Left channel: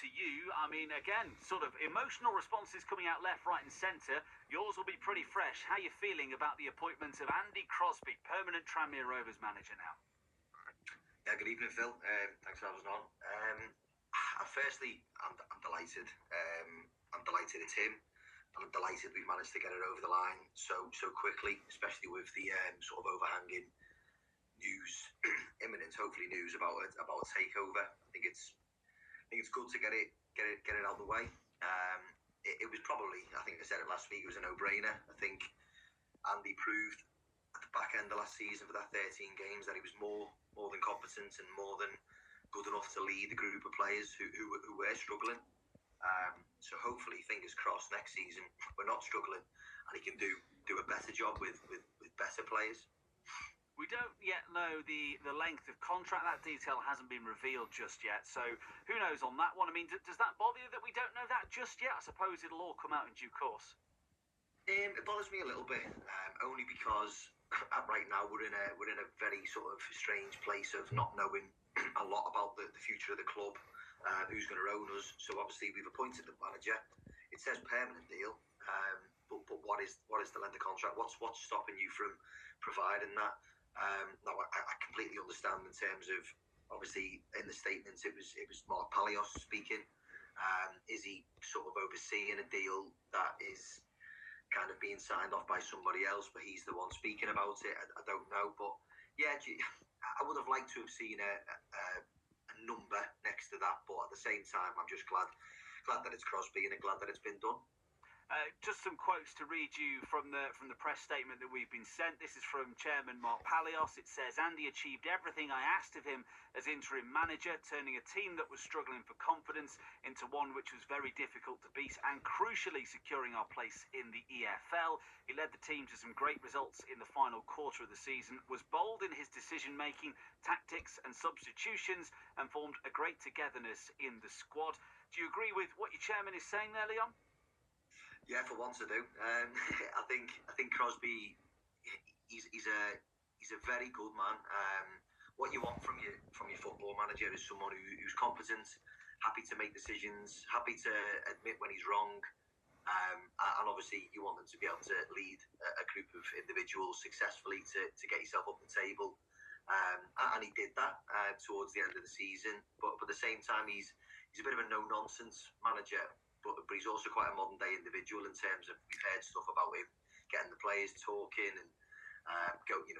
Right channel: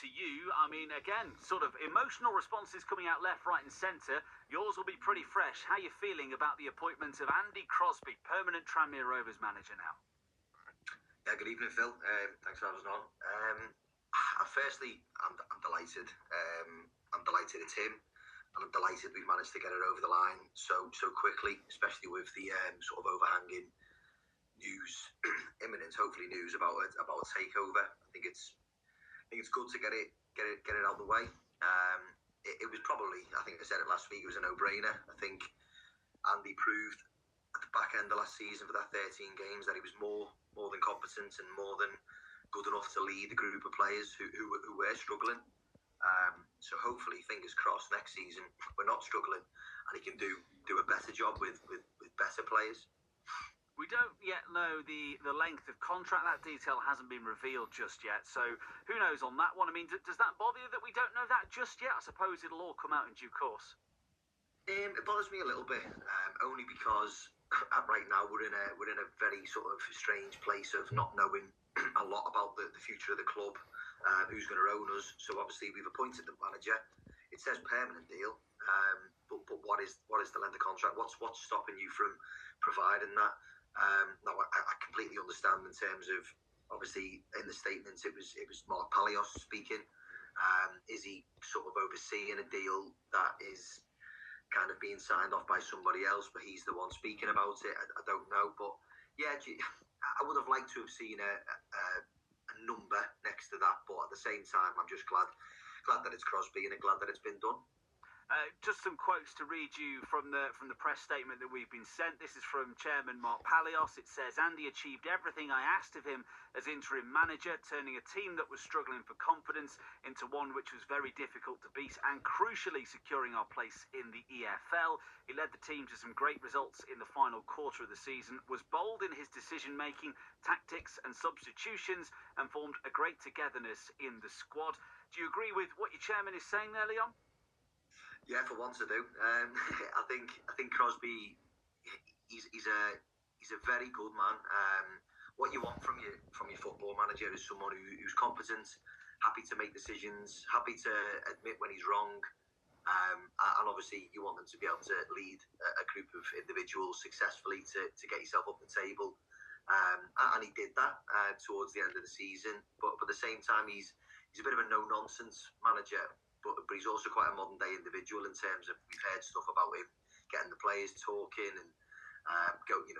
to you. I mean, again, sort of emotional responses coming out left, right and centre. Yours will be pretty fresh. How are you feeling about the appointment of Andy Crosby, permanent Tranmere Rovers manager now? Yeah, good evening, Phil. Thanks for having us on. Firstly, I'm delighted. I'm delighted it's him. And I'm delighted we've managed to get it over the line so quickly, especially with the sort of overhanging news, imminent, hopefully news about a takeover. I think it's good to get it out of the way. It was probably, I think I said it last week, it was a no-brainer. I think Andy proved at the back end of last season for that 13 games that he was more than competent and more than good enough to lead a group of players who were struggling. So hopefully, fingers crossed, next season we're not struggling and he can do a better job with better players. We don't yet know the length of contract. That detail hasn't been revealed just yet. So who knows on that one? I mean, does that bother you that we don't know that just yet? I suppose it'll all come out in due course. It bothers me a little bit, only because right now we're in a very sort of strange place of not knowing a lot about the future of the club, who's going to own us. So obviously we've appointed the manager. It says permanent deal, but what is the length of contract? What's stopping you from providing that? Now I completely understand in terms of, obviously in the statements it was Mark Palios speaking. Is he sort of overseeing a deal that is kind of being signed off by somebody else, but he's the one speaking about it? I don't know, but yeah, I would have liked to have seen a number next to that, but at the same time, I'm just glad that it's Crosby and glad that it's been done. Just some quotes to read you from the press statement that we've been sent. This is from Chairman Mark Palios. It says, Andy achieved everything I asked of him as interim manager, turning a team that was struggling for confidence into one which was very difficult to beat and crucially securing our place in the EFL. He led the team to some great results in the final quarter of the season, was bold in his decision-making, tactics and substitutions, and formed a great togetherness in the squad. Do you agree with what your chairman is saying there, Leon? Yeah, for once I do. I think Crosby, he's a very good man. What you want from your football manager is someone who's competent, happy to make decisions, happy to admit when he's wrong, and obviously you want them to be able to lead a group of individuals successfully to get yourself up the table. And he did that towards the end of the season. But at the same time, he's a bit of a no-nonsense manager. But he's also quite a modern day individual in terms of, we've heard stuff about him getting the players talking and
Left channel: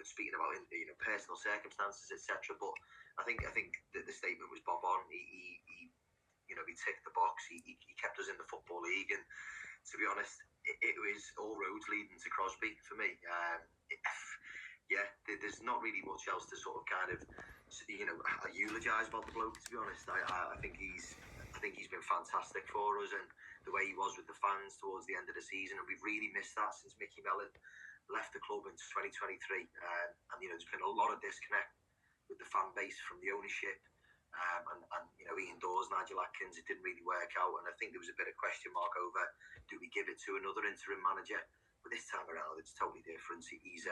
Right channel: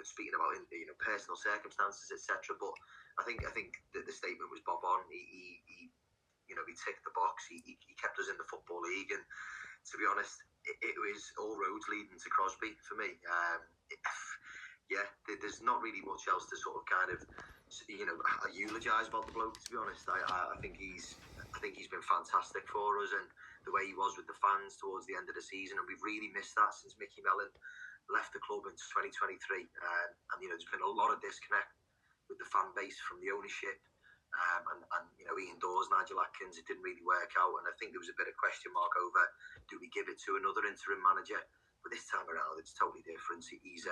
speaking about personal circumstances, etc. But I think that the statement was bob on. He ticked the box. He kept us in the Football League, and to be honest, it was all roads leading to Crosby for me. There's not really much else to sort of kind of eulogise about the bloke. To be honest, I think he's been fantastic for us, and the way he was with the fans towards the end of the season, and we've really missed that since Mickey Mellon left the club in 2023. And there's been a lot of disconnect with the fan base from the ownership, and Ian Dawes, Nigel Atkins. It didn't really work out, and I think there was a bit of question mark over, do we give it to another interim manager? But this time around, it's totally different. He's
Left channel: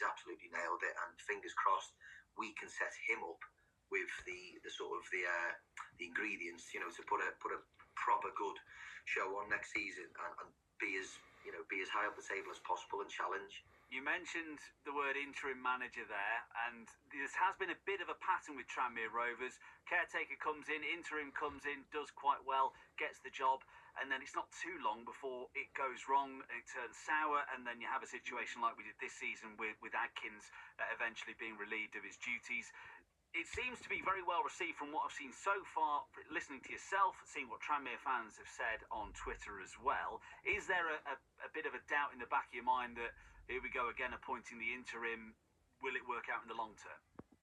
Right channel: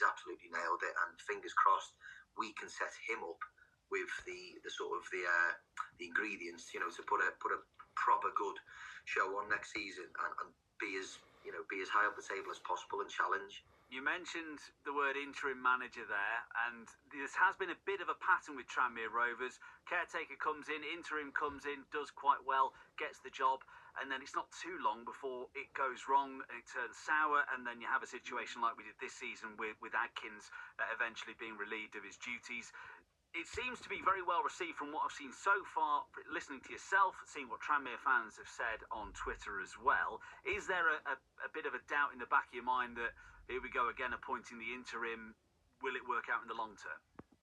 absolutely nailed it, and fingers crossed we can set him up with the ingredients, to put a proper good show on next season and be as high up the table as possible and challenge. You mentioned the word interim manager there, and this has been a bit of a pattern with Tranmere Rovers. Caretaker comes in, interim comes in, does quite well, gets the job, and then it's not too long before it goes wrong and it turns sour, and then you have a situation like we did this season with Adkins eventually being relieved of his duties. It seems to be very well received from what I've seen so far, listening to yourself, seeing what Tranmere fans have said on Twitter as well. Is there a bit of a doubt in the back of your mind that here we go again appointing the interim? Will it work out in the long term?